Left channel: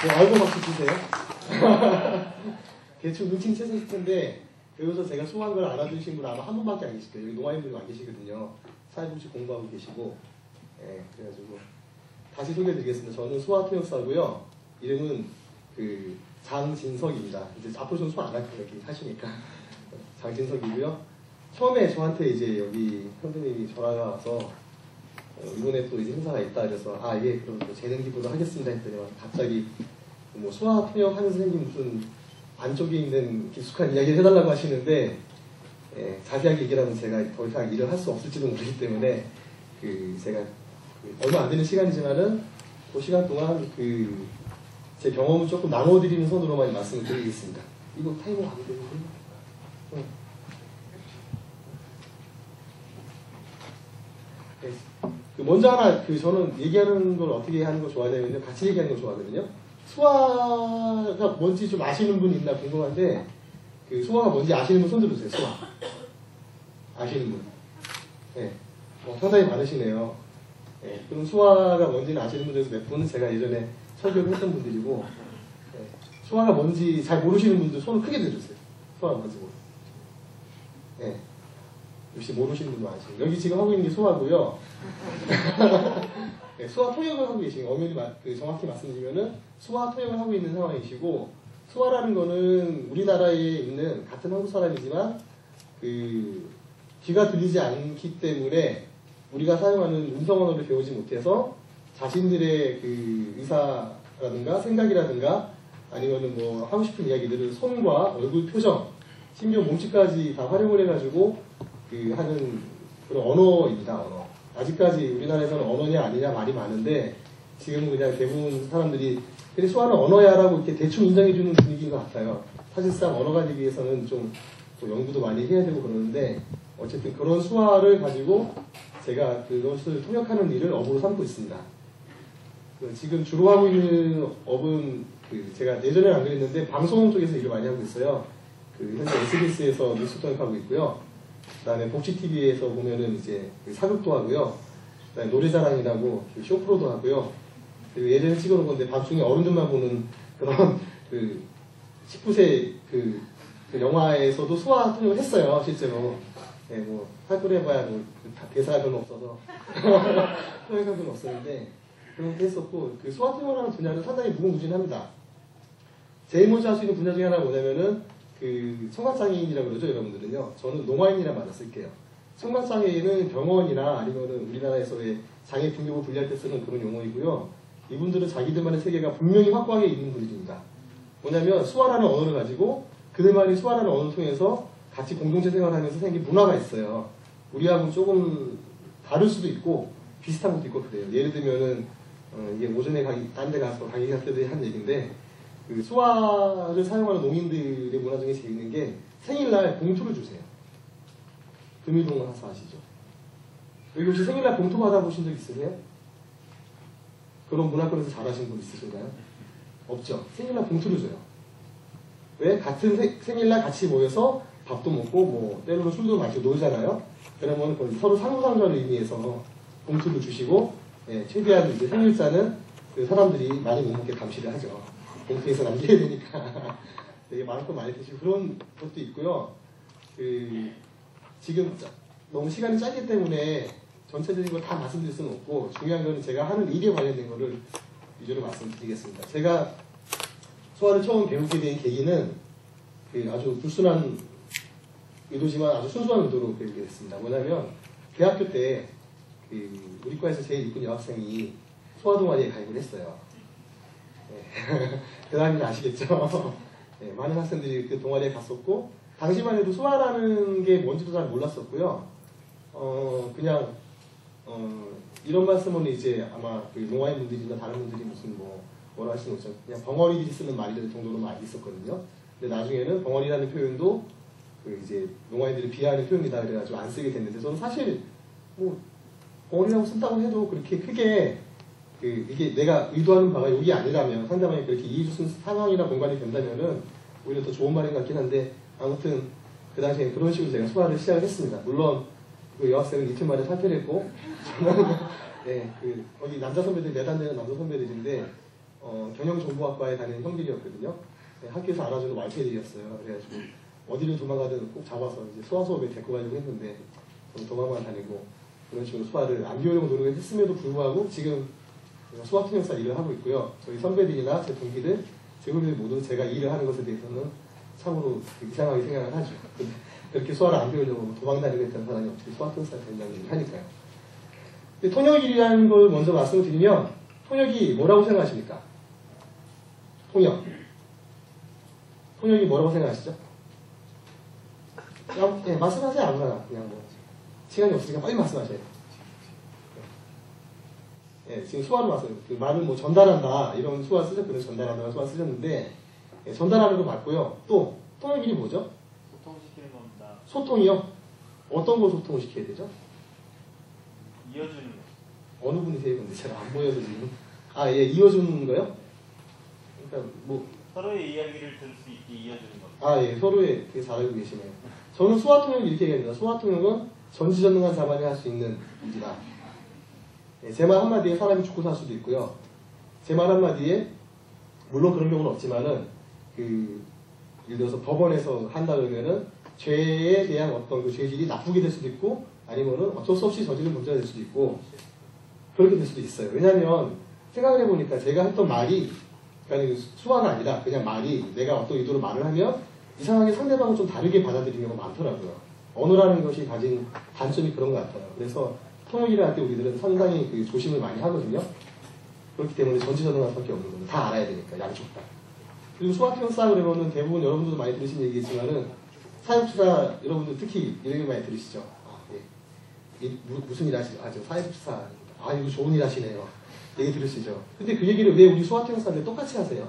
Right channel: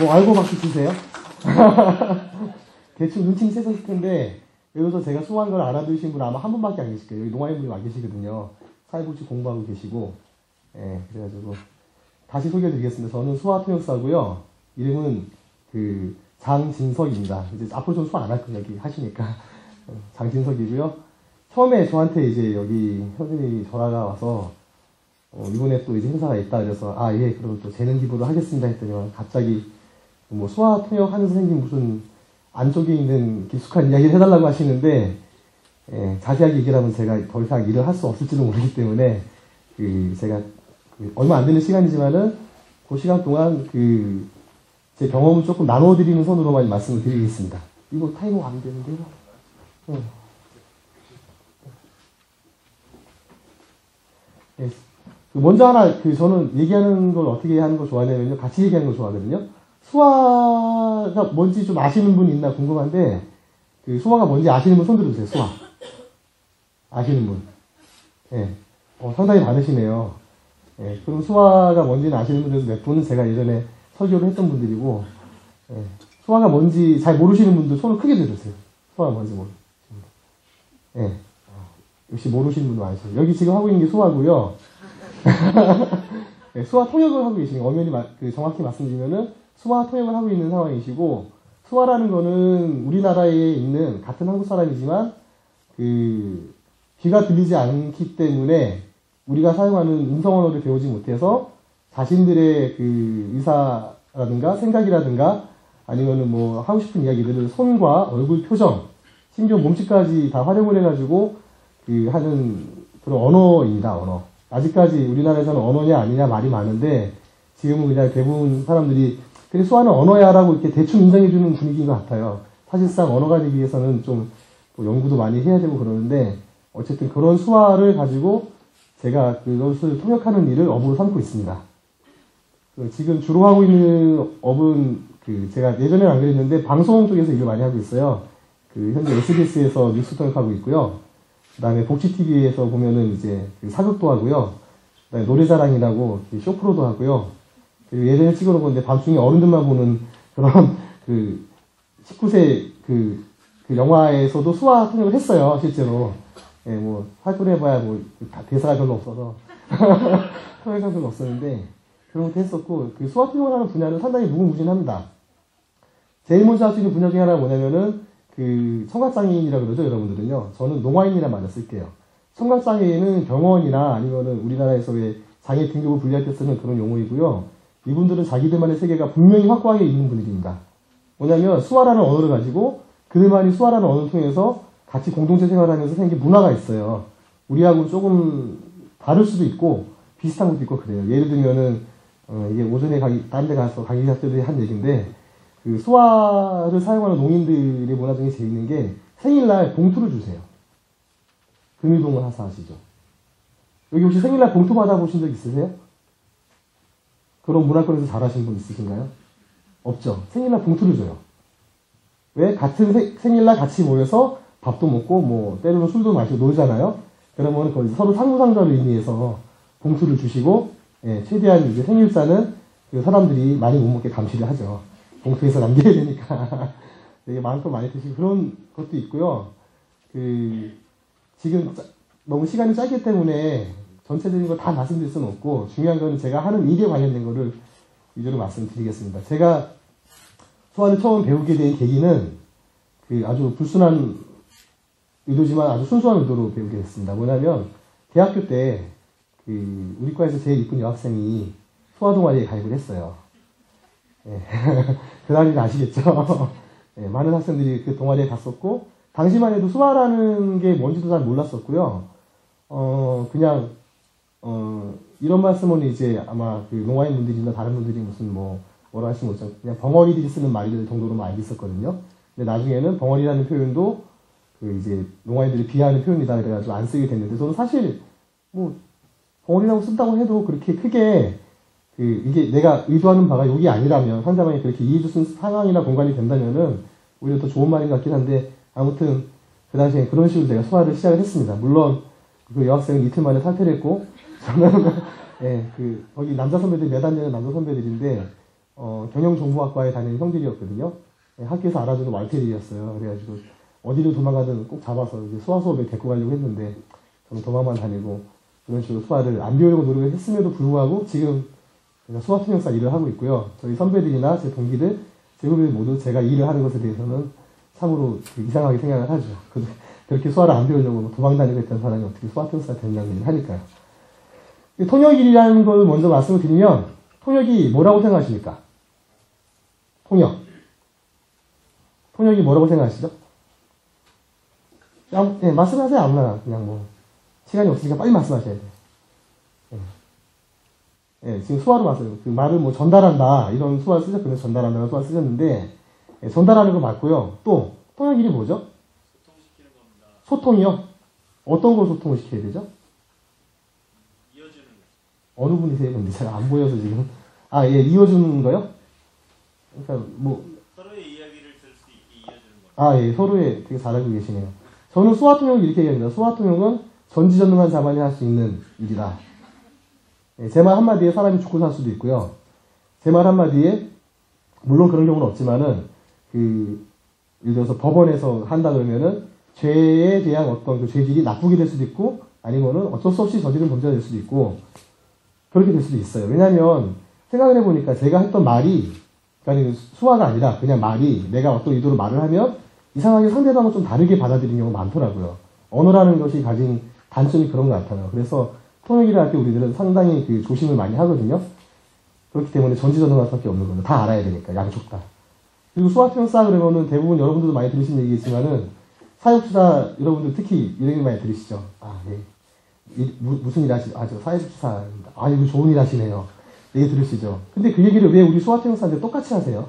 뭐 알고 박수 치세요? 대충 눈치 채셨을 텐데 여기서 제가 수고한 걸 알아두신 분 아마 한 분밖에 안 계실 거예요. 여기 농아인분이 와 계시거든요. 사회복지 공부하고 계시고. 예, 그래가지고 다시 소개해드리겠습니다. 저는 수화통역사고요. 이름은 장진석입니다. 이제 앞으로 좀 수화 안 할 거예요. 여기 하시니까. 장진석이고요. 처음에 저한테 이제 여기 선생님이 전화가 와서 이번에 또 행사가 있다 그래서 예, 그럼 또 재능 기부도 하겠습니다 했더니 갑자기 뭐 수화 통역 하는 선생님 무슨 안쪽에 있는 깊숙한 이야기를 해달라고 하시는데 자세하게 얘기를 하면 제가 더 이상 일을 할 수 없을지도 모르기 때문에 제가 얼마 안 되는 시간이지만은 그 시간 동안 제 경험을 조금 나눠드리는 선으로만 말씀을 드리겠습니다. 이거 타이머 안 되는데? 네. 먼저 하나 저는 얘기하는 걸 어떻게 하는 걸 좋아하냐면 같이 얘기하는 걸 좋아하거든요. 수화가 뭔지 좀 아시는 분 있나 궁금한데 수화가 뭔지 아시는 분 손 들어주세요. 수화 아시는 분. 네. 상당히 많으시네요. 네. 그럼 수화가 뭔지는 아시는 분들 몇 분 제가 예전에 설교를 했던 분들이고 수화가 뭔지 잘 모르시는 분들 손을 크게 들어주세요. 수화가 뭔지 모르. 네. 역시 모르시는 분도 많으시죠. 여기 지금 하고 있는 게 수화고요. 네, 수화 통역을 하고 계신 엄연히 정확히 말씀드리면은 수화 통역을 하고 있는 상황이시고 수화라는 거는 우리나라에 있는 같은 한국 사람이지만 귀가 들리지 않기 때문에 우리가 사용하는 음성 언어를 배우지 못해서 자신들의 의사라든가 생각이라든가 아니면은 뭐 하고 싶은 이야기들을 손과 얼굴 표정 심지어 몸짓까지 다 활용을 해가지고 하는 그런 언어입니다. 언어. 아직까지 우리나라에서는 언어냐 아니냐 말이 많은데 지금 우리나라 대부분 사람들이 그래 수화는 언어야라고 이렇게 대충 인정해주는 분위기인 것 같아요. 사실상 언어가 되기 위해서는 좀 연구도 많이 해야 되고 그러는데 어쨌든 그런 수화를 가지고 제가 그것을 통역하는 일을 업으로 삼고 있습니다. 지금 주로 하고 있는 업은 제가 예전에는 안 그랬는데 방송 쪽에서 일을 많이 하고 있어요. 현재 SBS에서 뉴스 통역하고 있고요. 그 다음에 복지TV에서 보면은 이제 사극도 하고요. 그다음에 노래자랑이라고 쇼프로도 하고요. 그리고 예전에 찍어놓은 건데 밤중에 어른들만 보는 그런 19세 영화에서도 수화 통역을 했어요. 실제로. 예, 뭐 활동을 해봐야 뭐 대사가 별로 없어서 통역가 별로 없었는데 그런 것도 했었고 수화 통역을 하는 분야는 상당히 무궁무진합니다. 제일 먼저 할 수 있는 분야 중에 하나가 뭐냐면은 청각장애인이라고 그러죠, 여러분들은요. 저는 농아인이란 말을 쓸게요. 청각장애인은 병원이나 아니면은 우리나라에서의 장애 등급을 분리할 때 쓰는 그런 용어이고요. 이분들은 자기들만의 세계가 분명히 확고하게 있는 분들입니다. 뭐냐면 수화라는 언어를 가지고 그들만이 수화라는 언어를 통해서 같이 공동체 생활하면서 생긴 문화가 있어요. 우리하고 조금 다를 수도 있고 비슷한 것도 있고 그래요. 예를 들면은 이게 오전에 다른 데 가서 강의할 때 한 얘기인데 수화를 사용하는 농민들의 문화 중에 재밌는 게 생일날 봉투를 주세요. 금이동을 하시죠. 여기 혹시 생일날 봉투 받아보신 적 있으세요? 그런 문화권에서 잘하시는 분 있으신가요? 없죠. 생일날 봉투를 줘요. 왜? 같은 생일날 같이 모여서 밥도 먹고 뭐 때로는 술도 마시고 놀잖아요. 그러면 거의 서로 상호상담을 의미해서 봉투를 주시고 최대한 이제 생일자는 사람들이 많이 못 먹게 감시를 하죠. 봉투에서 남겨야 되니까. 되게 마음껏 많이 드시고 그런 것도 있고요. 지금 너무 시간이 짧기 때문에 전체적인 걸 다 말씀드릴 수는 없고 중요한 건 제가 하는 일에 관련된 거를 위주로 말씀드리겠습니다. 제가 수화를 처음 배우게 된 계기는 아주 불순한 의도지만 아주 순수한 의도로 배우게 됐습니다. 뭐냐면 대학교 때 우리 과에서 제일 이쁜 여학생이 수화 동아리에 가입을 했어요. 그 나이는 아시겠죠? 많은 학생들이 그 동아리에 갔었고 당시만 해도 수화라는 게 뭔지도 잘 몰랐었고요. 그냥 이런 말씀은 이제 아마 농아인 분들이나 다른 분들이 무슨 뭐라 할 수는 없죠. 그냥 벙어리들이 쓰는 말들 정도로만 알고 있었거든요. 근데 나중에는 벙어리라는 표현도 이제 농아인들이 비하하는 표현이다 그래가지고 안 쓰게 됐는데 저는 사실 뭐 벙어리라고 쓴다고 해도 그렇게 크게 이게 내가 의도하는 바가 여기 아니라면 상대방이 그렇게 이해해 줄 상황이나 공간이 된다면은 오히려 더 좋은 말인 것 같긴 한데 아무튼 그 당시에 그런 식으로 제가 수화를 시작을 했습니다. 물론 그 여학생은 이틀 만에 탈퇴를 했고 저는 거기 남자 선배들이 내다니는 남자 선배들인데 경영정보학과에 다니는 형들이었거든요. 네, 학교에서 알아주는 왈테리였어요. 그래가지고 어디를 도망가든 꼭 잡아서 이제 수화 수업에 데리고 가려고 했는데 저는 도망만 다니고 이런 식으로 수화를 안 배우려고 노력을 했음에도 불구하고 지금 수화 통역사 일을 하고 있고요. 저희 선배들이나 제 동기들, 제 후배들 모두 제가 일을 하는 것에 대해서는 참으로 이상하게 생각을 하죠. 그렇게 수화를 안 배우려고 도망다니고 했던 사람이 어떻게 수화 통역사가 되느냐는 얘기를 하니까요. 통역이라는 걸 먼저 말씀을 드리면 통역이 뭐라고 생각하십니까? 통역이 뭐라고 생각하시죠? 네, 말씀하세요. 아무나 그냥 뭐 시간이 없으니까 빨리 말씀하셔야 돼요. 네, 지금 수화로 왔어요. 그 말을 뭐 전달한다 이런 수화를 쓰셨거든요. 전달하는 수화를 쓰셨는데 네, 전달하는 거 맞고요. 또 통역 일이 뭐죠? 소통시키는 겁니다. 소통이요? 어떤 걸 소통을 시켜야 되죠? 이어주는 거. 어느 분이세요? 근데 잘 안 보여서 지금. 아, 예, 이어주는 거요? 그러니까 뭐 서로의 이야기를 들을 수 있게 이어주는 거. 아, 예, 서로의 되게 잘하고 계시네요. 저는 수화 통역을 이렇게 얘기합니다. 수화 통역은 전지전능한 자만이 할 수 있는 일이다. 예, 제 말 한마디에 사람이 죽고 살 수도 있고요. 제 말 한마디에 물론 그런 경우는 없지만은 예를 들어서 법원에서 한다 그러면은 죄에 대한 어떤 그 죄질이 나쁘게 될 수도 있고 아니면은 어쩔 수 없이 저지른 문제가 될 수도 있고 그렇게 될 수도 있어요. 왜냐하면 생각을 해보니까 제가 했던 말이 그러니까 수화가 아니라 그냥 말이 내가 어떤 의도로 말을 하면 이상하게 상대방은 좀 다르게 받아들이는 경우가 많더라고요. 언어라는 것이 가진 단점이 그런 것 같아요. 그래서 통역이라 할 때 우리들은 상당히 조심을 많이 하거든요. 그렇기 때문에 전지전능할 수밖에 없는 거예요. 다 알아야 되니까 양쪽 다. 그리고 수학평사 그러면은 대부분 여러분들도 많이 들으신 얘기겠지만은 사회복지사 여러분들 특히 이런 얘기 많이 들으시죠. 아, 네. 무슨 일 하시죠? 아, 저 사회복지사입니다. 아, 이거 좋은 일 하시네요. 얘기 들으시죠. 근데 그 얘기를 왜 우리 수학평사한테 똑같이 하세요?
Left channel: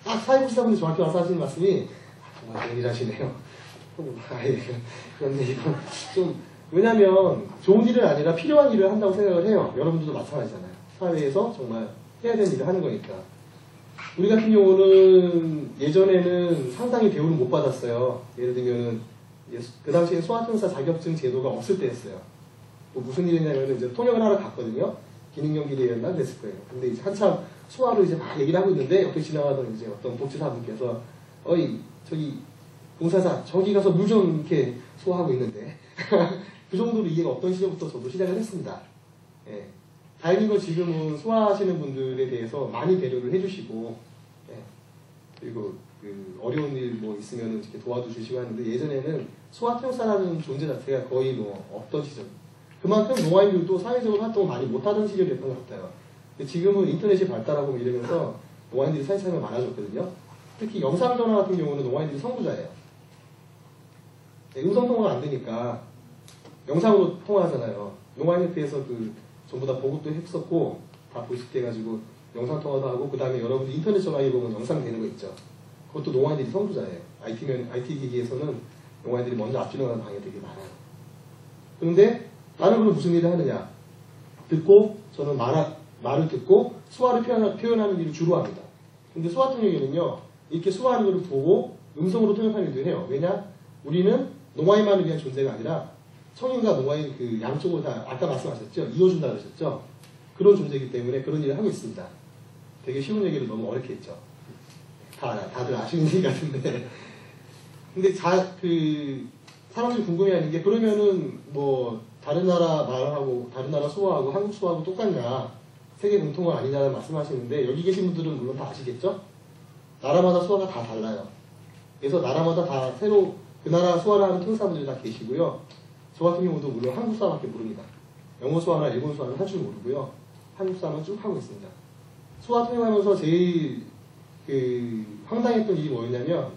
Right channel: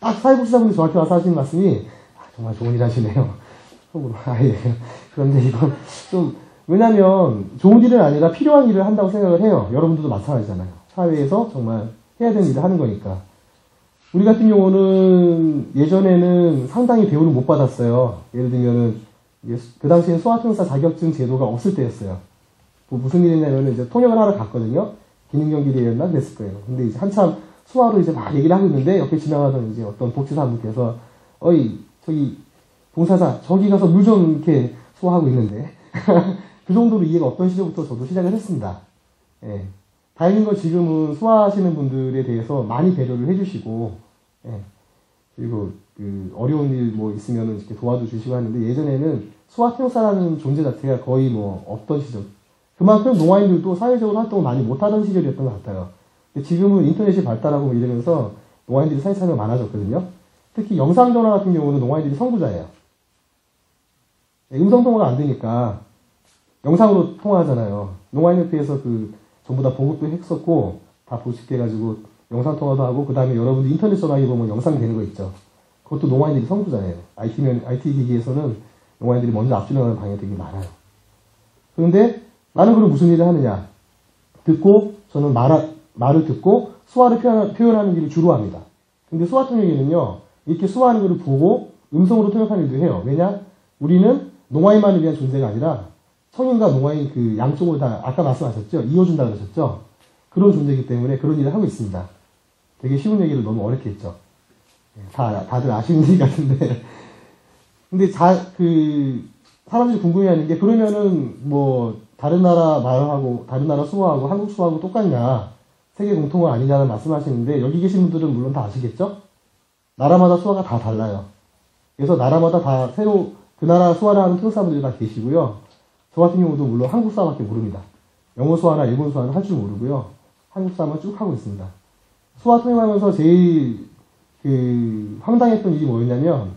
딱 사회복지사분이 저한테 와서 하시는 말씀이 아, 정말 좋은 일 하시네요. 아, 예. 그런데 이건 좀 왜냐면 좋은 일은 아니라 필요한 일을 한다고 생각을 해요. 여러분들도 마찬가지잖아요. 사회에서 정말 해야 되는 일을 하는 거니까. 우리 같은 경우는 예전에는 상당히 대우를 못 받았어요. 예를 들면은 그 당시에 수화통사 자격증 제도가 없을 때였어요. 뭐 무슨 일이냐면 이제 통역을 하러 갔거든요. 김인경 기자였나 그랬을 거예요. 근데 이제 한참 수화로 이제 막 얘기를 하고 있는데 옆에 지나가던 이제 어떤 복지사분께서 어이 저기 봉사자 저기 가서 물 좀 이렇게 수화하고 있는데 그 정도로 이해가 없던 시절부터 저도 시작을 했습니다. 예. 다행인 건 지금은 수화하시는 분들에 대해서 많이 배려를 해주시고, 예. 그리고 어려운 일 뭐 있으면 이렇게 도와도 주시고 하는데 예전에는 수화평사라는 존재 자체가 거의 뭐 없던 시절. 그만큼 농아인들도 사회적으로 활동을 많이 못하던 시절이었던 것 같아요. 지금은 인터넷이 발달하고 이러면서 농아인들이 사회참여가 많아졌거든요. 특히 영상전화 같은 경우는 농아인들이 선구자예요. 음성통화가 안 되니까 영상으로 통화하잖아요. 농아인협회에서 전부 다 보급도 했었고 다 보식해가지고 영상통화도 하고 그 다음에 여러분들 인터넷 전화기 보면 영상 되는 거 있죠. 그것도 농아인들이 선구자예요. IT 기기에서는 농아인들이 먼저 앞서나가는 방향이 되게 많아요. 그런데 나는 그럼 무슨 일을 하느냐? 저는 말을 듣고 수화를 표현하는 일을 주로 합니다. 근데 수화 통역에는요, 이렇게 수화하는 것을 보고 음성으로 통역하는 일을 해요. 왜냐? 우리는 농아인만을 위한 존재가 아니라 성인과 농아인 양쪽을 다 아까 말씀하셨죠? 이어준다 그러셨죠? 그런 존재이기 때문에 그런 일을 하고 있습니다. 되게 쉬운 얘기를 너무 어렵게 했죠. 다들 아시는 일 같은데. 근데 사람들이 궁금해하는 게 그러면은 뭐 다른 나라 말하고 다른 나라 수어하고 한국 수어하고 똑같냐? 세계 공통어 아니냐는 말씀하시는데 여기 계신 분들은 물론 다 아시겠죠? 나라마다 수어가 다 달라요. 그래서 나라마다 다 새로 그 나라 수어를 하는 통사분들이 다 계시고요. 저 같은 경우도 물론 한국 수어밖에 모릅니다. 영어 수어나 일본 수어는 할 줄 모르고요. 한국 수어만 쭉 하고 있습니다. 수어 통역하면서 제일 황당했던 일이 뭐였냐면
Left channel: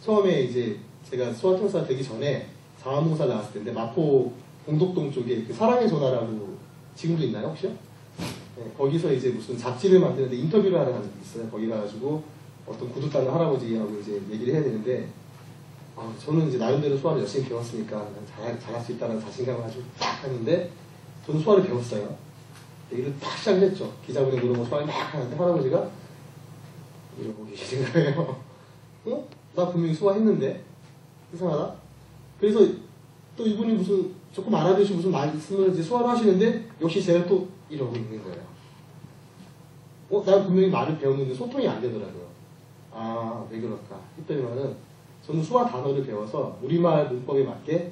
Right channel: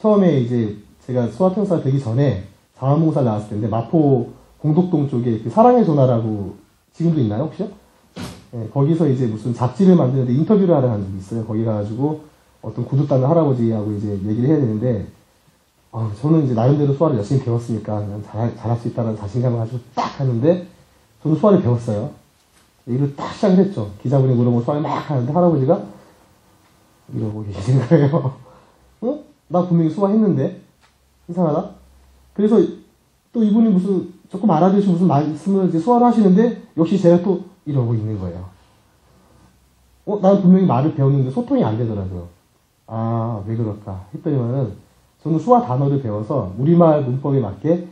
처음에 이제 제가 수어 통사 되기 전에 자원봉사를 나왔을 텐데 마포 공덕동 쪽에 사랑의 전화라고 지금도 있나요 혹시? 네, 거기서 이제 무슨 잡지를 만드는데 인터뷰를 하러 간 적이 있어요. 거기 가가지고 어떤 구두단을 할아버지하고 이제 얘기를 해야 되는데 저는 이제 나름대로 수화를 열심히 배웠으니까 잘할 수 있다는 자신감을 가지고 딱 하는데 저는 수화를 배웠어요. 이걸 딱 시작을 했죠. 기자분이 물어보고 수화를 막 하는데 할아버지가 이러고 계시는 거예요. 어? 나 분명히 수화했는데 이상하다. 그래서 또 이분이 조금 알아주신 무슨 말씀을 이제 수화를 하시는데 역시 제가 또 이러고 있는 거예요. 나는 분명히 말을 배웠는데 소통이 안 되더라고요. 아, 왜 그럴까 했더니만은 저는 수화 단어를 배워서 우리말 문법에 맞게,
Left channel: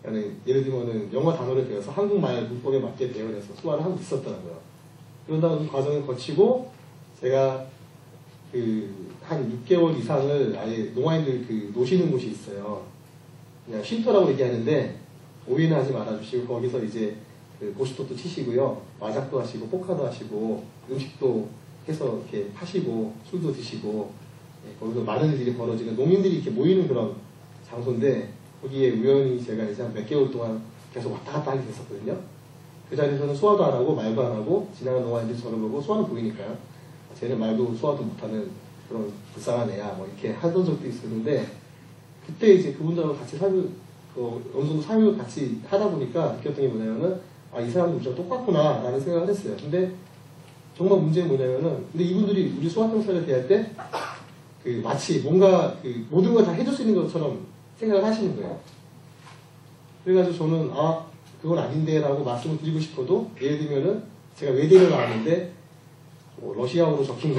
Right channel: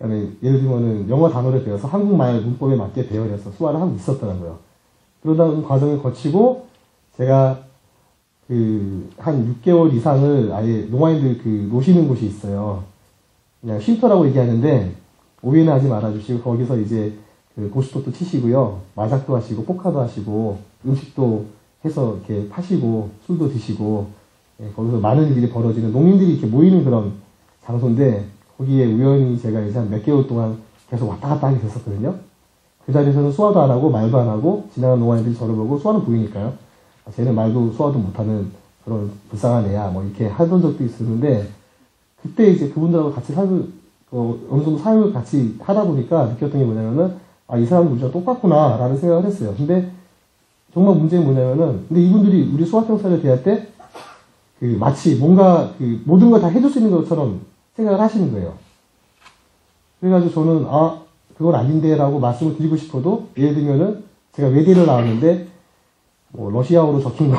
아니, 예를 들면은 영어 단어를 배워서 한국말 문법에 맞게 배워서 수화를 하고 있었더라고요. 그러다 그 과정을 거치고 제가 한 6개월 이상을 아예 농아인들 노시는 곳이 있어요. 그냥 쉼터라고 얘기하는데 오해는 하지 말아주시고, 거기서 이제 고스톱도 치시고요, 마작도 하시고 포카도 하시고 음식도 해서 이렇게 파시고 술도 드시고, 거기서 많은 일이 벌어지는, 농민들이 이렇게 모이는 그런 장소인데, 거기에 우연히 제가 이제 한 몇 개월 동안 계속 왔다 갔다 하게 됐었거든요. 그 자리에서는 수화도 안 하고 말도 안 하고 지나가는 농아인들이 저를 보고 수화는 보이니까요, 쟤는 말도 수화도 못하는 그런 불쌍한 애야 뭐 이렇게 하던 적도 있었는데, 그때 이제 그분들하고 같이 어느 정도 삶을 같이 하다 보니까 느꼈던 게 뭐냐면은, 이 사람은 우리가 똑같구나 라는 생각을 했어요. 근데 정말 문제는 뭐냐면은, 근데 이분들이 우리 수학경사를 대할 때 마치 뭔가 모든 걸 다 해줄 수 있는 것처럼 생각을 하시는 거예요. 그래가지고 저는 그건 아닌데 라고 말씀을 드리고 싶어도, 예를 들면은 제가 외대를 나왔는데 러시아어로 적힌 거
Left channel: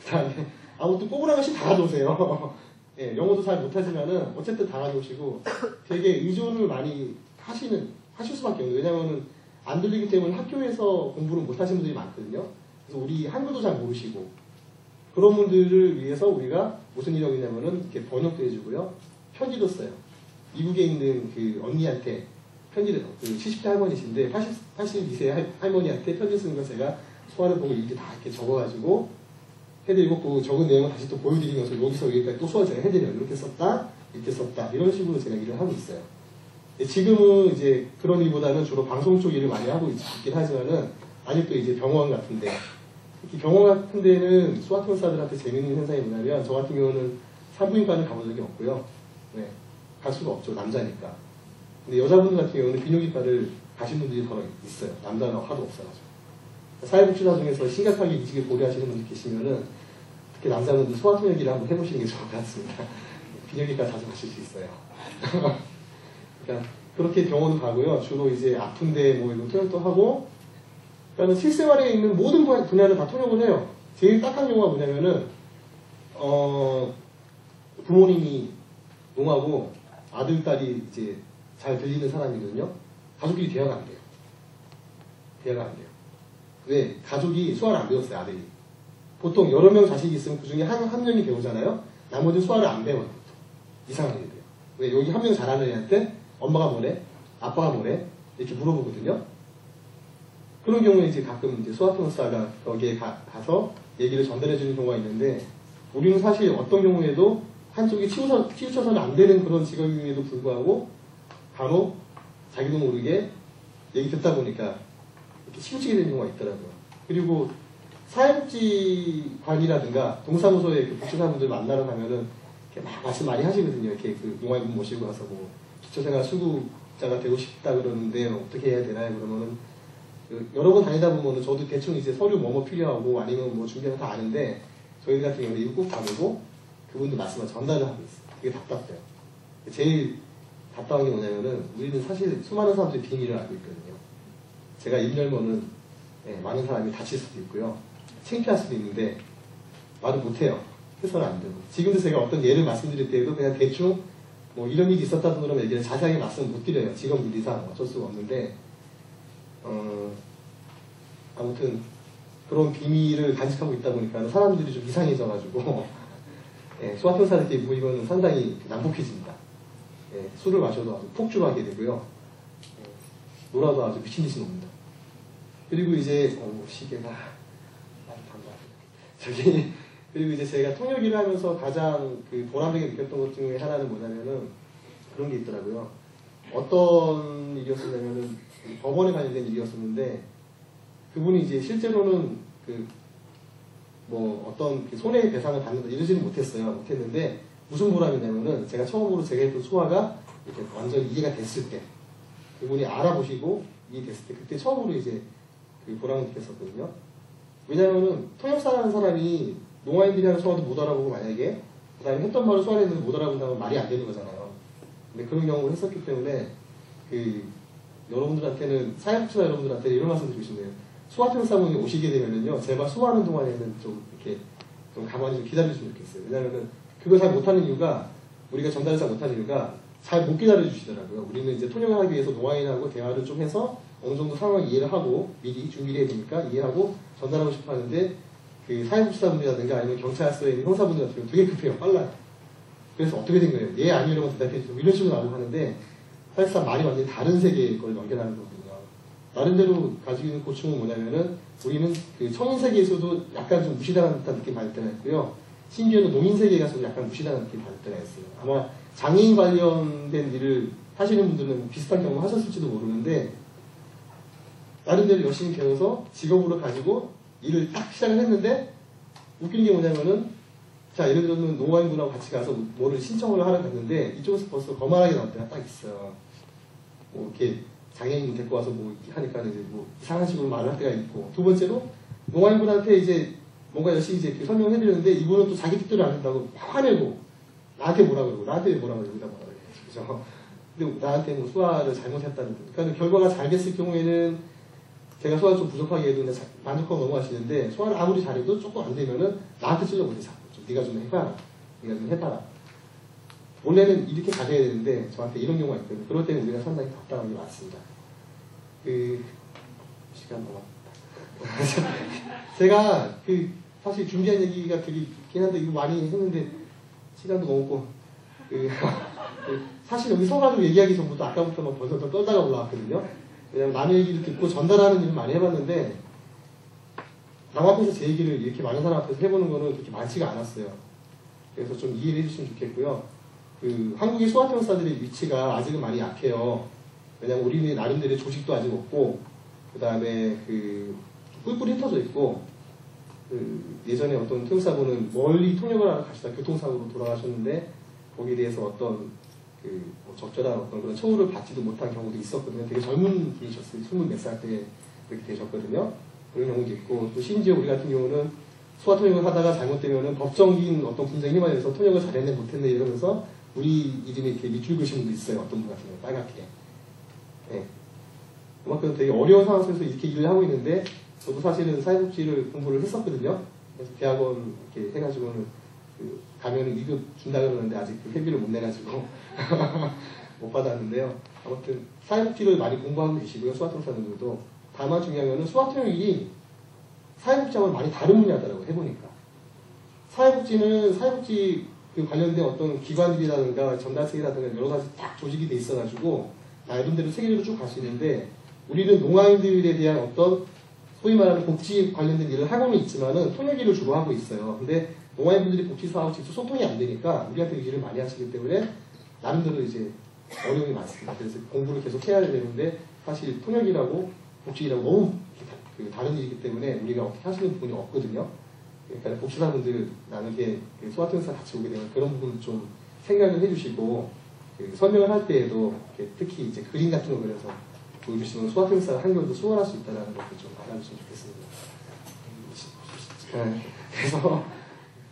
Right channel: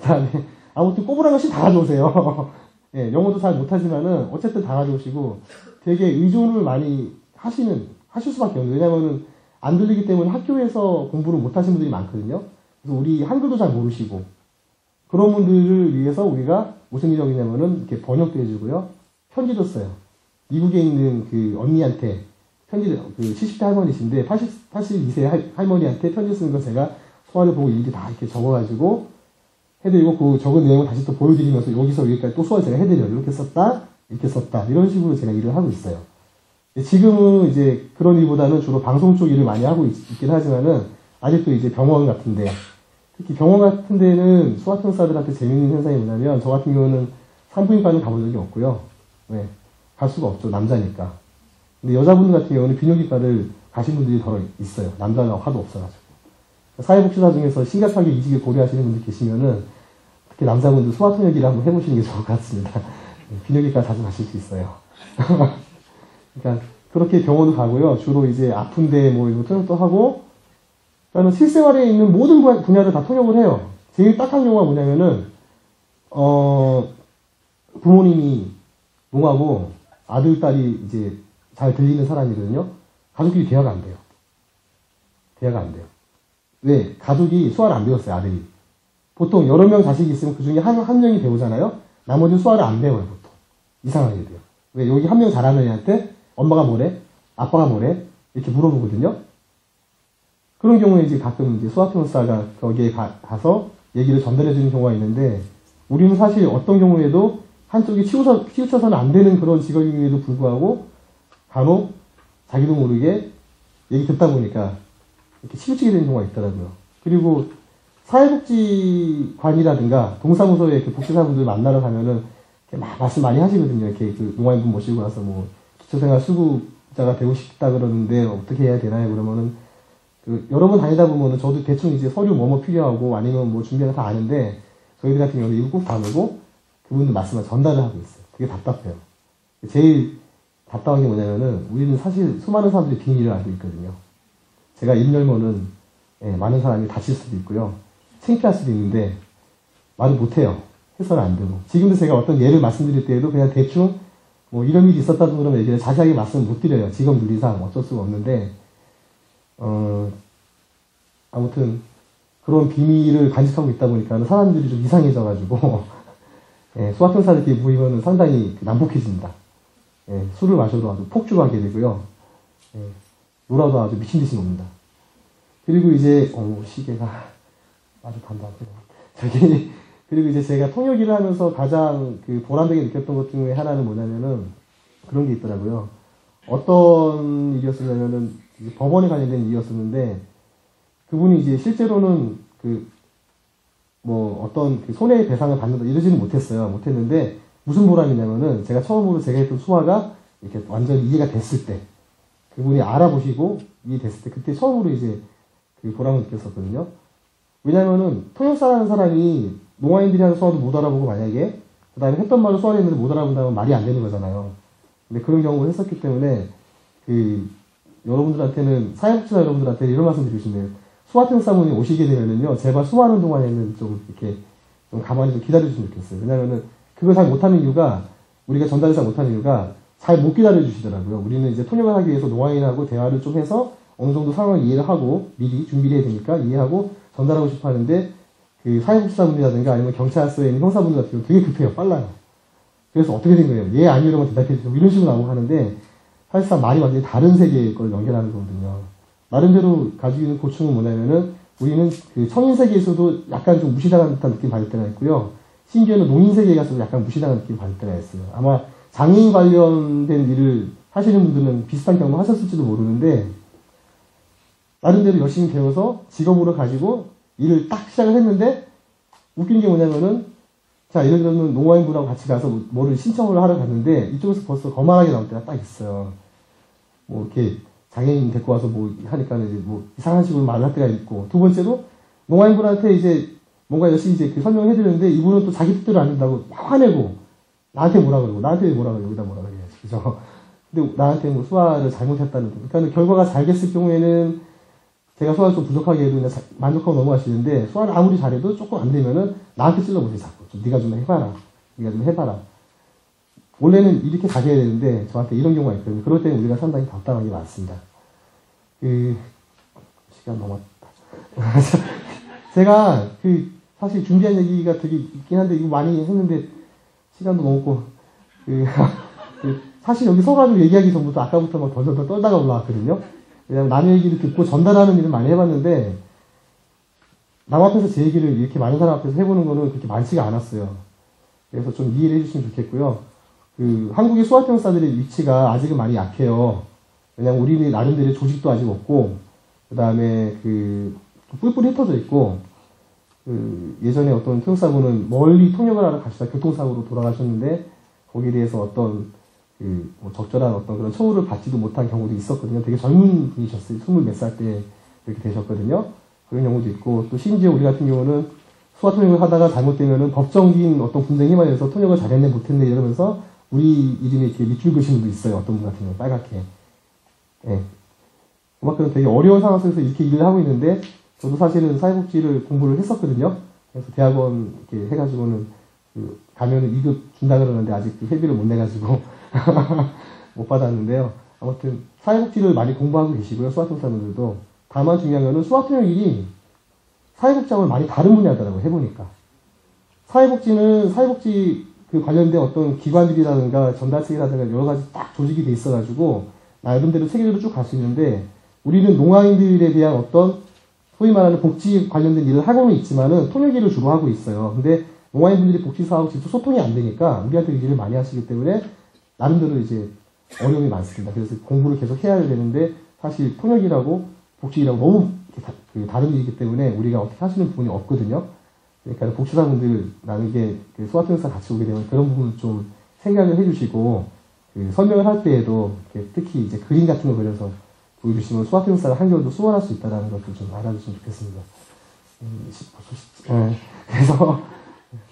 그다음에 아무튼 뽑으라는 것이 다 가져오세요. 예, 영어도 잘 못하지만은 어쨌든 다 가져오시고, 되게 의존을 많이 하실 수밖에 없어요. 왜냐면은 안 들리기 때문에 학교에서 공부를 못 하시는 분들이 많거든요. 그래서 우리 한글도 잘 모르시고, 그런 분들을 위해서 우리가 무슨 일을 했냐면은 이렇게 번역도 해주고요, 편지도 써요. 미국에 있는 언니한테 편지, 70대 할머니신데 82세 할머니한테 편지 쓰는 거 제가 수화를 보고 일일이 다 이렇게 적어가지고 해드리고, 그 적은 내용을 다시 또 보여드리면서 여기서 여기까지 또 수화를 제가 해드려요. 이렇게 썼다, 이렇게 썼다, 이런 식으로 제가 일을 하고 있어요. 지금은 이제 그런 일보다는 주로 방송 쪽 일을 많이 하고 있긴 하지만은, 아직도 이제 병원 같은데, 특히 병원 같은 데는 수화통사들한테 재밌는 현상이 뭐냐면, 저 같은 경우는 산부인과는 가본 적이 없고요. 네, 갈 수가 없죠. 남자니까. 근데 여자분 같은 경우는 비뇨기과를 가신 분들이 더 있어요. 남자가 하도 없어가지고. 사회복지사 중에서 심각하게 이직을 고려하시는 분들 계시면은, 특히 남자분들 수화통 얘기를 한번 해보시는 게 좋을 것 같습니다. 비뇨기과 자주 가실 수 있어요. 그러니까 그렇게 병원을 가고요. 주로 이제 아픈데 뭐 이거 통역도 하고, 그러니까 실생활에 있는 모든 분야를 다 통역을 해요. 제일 딱한 경우가 뭐냐면은, 부모님이 농하고 아들, 딸이 이제 잘 들리는 사람이거든요. 가족끼리 대화가 안 돼요. 대화가 안 돼요. 왜? 가족이 수화를 안 배웠어요, 아들이. 보통 여러 명 자식이 있으면 그 중에 한 명이 배우잖아요? 나머지는 수화를 안 배워요, 보통. 이상하게 돼요. 왜? 여기 한 명 잘하는 애한테 엄마가 뭐래? 아빠가 뭐래? 이렇게 물어보거든요. 그런 경우에 이제 가끔 이제 수학교사가 거기에 가서 얘기를 전달해주는 경우가 있는데, 우리는 사실 어떤 경우에도 한쪽이 치우쳐서는 안 되는 그런 직업임에도 불구하고 간혹 자기도 모르게 얘기 듣다 보니까 이렇게 치우치게 되는 경우가 있더라고요. 그리고 사회복지관이라든가 동사무소에 이렇게 복지사분들 만나러 가면은 막 말씀 많이 하시거든요. 이렇게 농아인분 모시고 와서 뭐 기초생활 수급자가 되고 싶다 그러는데 어떻게 해야 되나요? 그러면은 여러 번 다니다 보면은 저도 대충 이제 서류 뭐뭐 필요하고 아니면 뭐 준비를 다 아는데, 저희들 같은 경우는 이거 꼭 다루고 그분들 말씀을 전달을 하고 있어요. 그게 답답해요. 제일 답답한 게 뭐냐면은, 우리는 사실 수많은 사람들이 비밀을 알고 있거든요. 제가 입 열면은 많은 사람이 다칠 수도 있고요, 창피할 수도 있는데 말을 못해요. 해서는 안 되고. 지금도 제가 어떤 예를 말씀드릴 때에도 그냥 대충 뭐 이런 일이 있었다고 그런 얘기를 자세하게 말씀 못 드려요. 직업 윤리상 어쩔 수가 없는데, 아무튼 그런 비밀을 간직하고 있다 보니까 사람들이 좀 이상해져가지고 수학교사들끼리 모이면 상당히 난폭해집니다. 술을 마셔도 아주 폭주하게 되고요, 놀아도 아주 미친듯이 놉니다. 그리고 이제 시계가 아주 반반해요. 그리고 이제 제가 통역 일을 하면서 가장 보람되게 느꼈던 것 중에 하나는 뭐냐면은, 그런 게 있더라고요. 어떤 일이었으면은 법원에 관련된 일이었었는데, 그분이 이제 실제로는 뭐 어떤 손해배상을 받는다 이러지는 못했는데, 무슨 보람이냐면은, 제가 처음으로 제가 했던 수화가 이렇게 완전 이해가 됐을 때, 그분이 알아보시고 이해됐을 때, 그때 처음으로 이제 보람을 느꼈었거든요. 왜냐면은 통역사라는 사람이 농아인들이 하는 수화도 못 알아보고, 만약에 그 다음에 했던 말을 수화인들도 못 알아본다면 말이 안 되는 거잖아요. 근데 그런 경험을 했었기 때문에 여러분들한테는, 사회복지사 여러분들한테 이런 말씀 드리고 싶네요. 수화통사분이 오시게 되면요, 제발 수화하는 동안에는 좀 이렇게 좀 가만히 좀 기다려주시면 좋겠어요. 왜냐면은 그걸 잘 못하는 이유가, 우리가 전달을 잘 못하는 이유가 잘 못 기다려주시더라고요. 우리는 이제 통역을 하기 위해서 노아인하고 대화를 좀 해서 어느 정도 상황을 이해를 하고 미리 준비를 해야 되니까 이해하고 전달하고 싶어 하는데, 그 사회복지사분이라든가 아니면 경찰서에 있는 형사분 같은 경우 되게 급해요. 빨라요. 그래서 어떻게 된 거예요? 예, 아니, 이러면 대답해주고 이런 식으로 나오고 하는데, 사실상 말이 완전히 다른 세계의 걸 연결하는 거거든요. 나름대로 가지고 있는 고충은 뭐냐면은, 우리는 그 성인 세계에서도 약간 좀 무시당하는 듯한 느낌이 받을 때가 있고요. 심지어는 농인 세계에 가서 약간 무시당하는 느낌이 받을 때가 있어요. 아마 장애인 관련된 일을 하시는 분들은 비슷한 경험 하셨을지도 모르는데, 나름대로 열심히 배워서 직업으로 가지고 일을 딱 시작을 했는데, 웃긴 게 뭐냐면은, 자, 예를 들면 농아인분하고 같이 가서 뭐를 신청을 하러 갔는데, 이쪽에서 벌써 거만하게 나올 때가 딱 있어요. 뭐, 이렇게 장애인 데리고 와서 뭐 하니까 이제 뭐 이상한 식으로 말을 할 때가 있고, 두 번째로, 농아인분한테 이제 뭔가 열심히 이제 설명을 해드리는데, 이분은 또 자기 뜻대로 안 된다고 화내고, 나한테 뭐라 그러고, 나한테 뭐라 그러고, 여기다 뭐라 그래. 그죠? 근데 나한테 뭐 수화를 잘못했다는 거. 그러니까 결과가 잘 됐을 경우에는, 제가 수화를 좀 부족하게 해도 만족하고 넘어가시는데, 수화를 아무리 잘해도 조금 안 되면은 나한테 찔러보세요, 자꾸. 네가 좀 해봐라. 네가 좀 해봐라. 원래는 이렇게 가셔야 되는데, 저한테 이런 경우가 있거든요. 그럴 때는 우리가 상당히 답답한 게 많습니다. 시간 넘었다. 제가, 사실 준비한 얘기가 되게 있긴 한데, 이거 많이 했는데, 시간도 넘었고, 사실 여기 서가지고 얘기하기 전부터 아까부터 막 벌써 떨다가 올라왔거든요. 그냥 남의 얘기를 듣고 전달하는 일을 많이 해봤는데, 남 앞에서 제 얘기를 이렇게 많은 사람 앞에서 해보는 거는 그렇게 많지가 않았어요. 그래서 좀 이해를 해주시면 좋겠고요. 한국의 수화통사들의 위치가 아직은 많이 약해요. 왜냐면 우리 나름대로 조직도 아직 없고, 그 다음에 뿔뿔이 흩어져 있고, 예전에 어떤 통사분은 멀리 통역을 하러 가시다 교통사고로 돌아가셨는데, 거기에 대해서 어떤 뭐 적절한 어떤 그런 처우를 받지도 못한 경우도 있었거든요. 되게 젊은 분이셨어요. 20몇 살 때 이렇게 되셨거든요. 그런 경우도 있고, 또 심지어 우리 같은 경우는 수화 통역을 하다가 잘못되면은 법정인 어떤 분쟁에 휘말려서 통역을 잘했네 못했네 이러면서 우리 이름이 이렇게 밑줄 그신 분도 있어요. 어떤 분 같은 경우 빨갛게. 예. 그만큼 되게 어려운 상황 속에서 이렇게 일을 하고 있는데, 저도 사실은 사회복지를 공부를 했었거든요. 그래서 대학원 이렇게 해가지고는 가면 2급 준다 그러는데 아직 회비를 못 내가지고 못 받았는데요. 아무튼 사회복지를 많이 공부하고 계시고요. 수화통사분들도. 다만 중요한 거는 수화통역이 사회복지하고 많이 다른 분야더라고요. 해보니까. 사회복지는 사회복지 관련된 어떤 기관들이라든가 전달책이라든가 여러 가지 딱 조직이 돼 있어가지고 나름대로 세계로 쭉 갈 수 있는데, 우리는 농아인들에 대한 어떤 소위 말하는 복지 관련된 일을 하고는 있지만은 통역 일을 주로 하고 있어요. 근데 농아인분들이 복지사하고 직접 소통이 안 되니까 우리한테 일을 많이 하시기 때문에 나름대로 이제 어려움이 많습니다. 그래서 공부를 계속 해야 되는데, 사실 통역이라고 복지라고 너무 다른 일이기 때문에 우리가 어떻게 하시는 부분이 없거든요. 그러니까 복지사분들 남에게 수화통사 같이 오게 되면 그런 부분을 좀 생각을 해주시고, 설명을 할 때에도 특히 이제 그림 같은 거 그려서 보여주시면 수화통사가 한결도 수월할 수 있다는 것을 좀 알아주시면 좋겠습니다. 그래서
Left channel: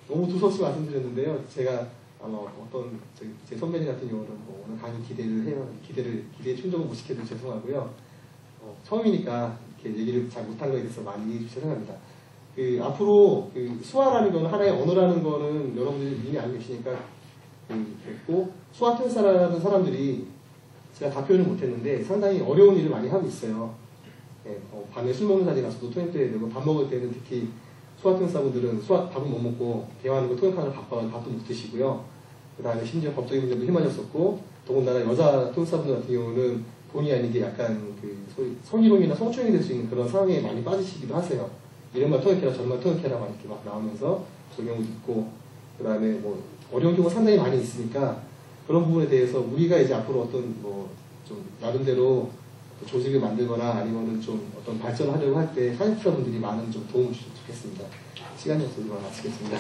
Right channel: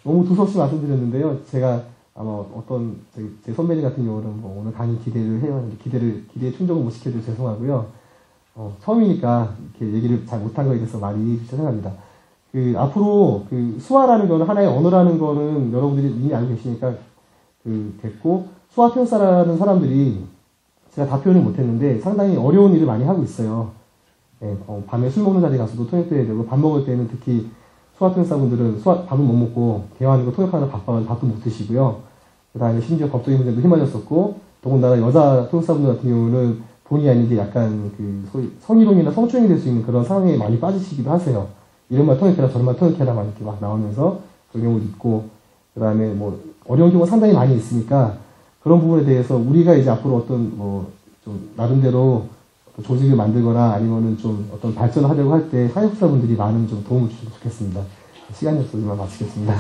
너무 두서없이 말씀드렸는데요. 제가 아마 어떤 제 선배님 같은 경우는 뭐 오늘 강의 기대에 충족을 못 시켜드려 죄송하고요. 처음이니까 이렇게 얘기를 잘 못한 거에 대해서 많이 이해해 주셔서 생각합니다. 앞으로 수화라는 거는 하나의 언어라는 거는 여러분들이 이미 알고 계시니까 됐고, 수화통사라는 사람들이 제가 답변을 못했는데 상당히 어려운 일을 많이 하고 있어요. 밤에 술 먹는 자리 가서도 통역돼야 되고, 밥 먹을 때는 특히 수화통사분들은 밥은 못 먹고 대화하는 거 통역하는 바빠서 밥도 못 드시고요. 그 다음에 심지어 법적인 문제도 휘말렸었고, 더군다나 여자 통역사분들 같은 경우는 본의 아니게 약간 소위 성희롱이나 성추행이 될 수 있는 그런 상황에 많이 빠지시기도 하세요. 이런말 통역해라 저런말 통역해라 막 이렇게 막 나오면서 그런 경우도 있고, 그 다음에 뭐 어려운 경우가 상당히 많이 있으니까 그런 부분에 대해서 우리가 이제 앞으로 어떤 좀 나름대로 조직을 만들거나 아니면은 좀 어떤 발전을 하려고 할 때 사회복지사분들이 많은 좀 도움을 주시면 좋겠습니다. 시간이 없어서 이만 마치겠습니다.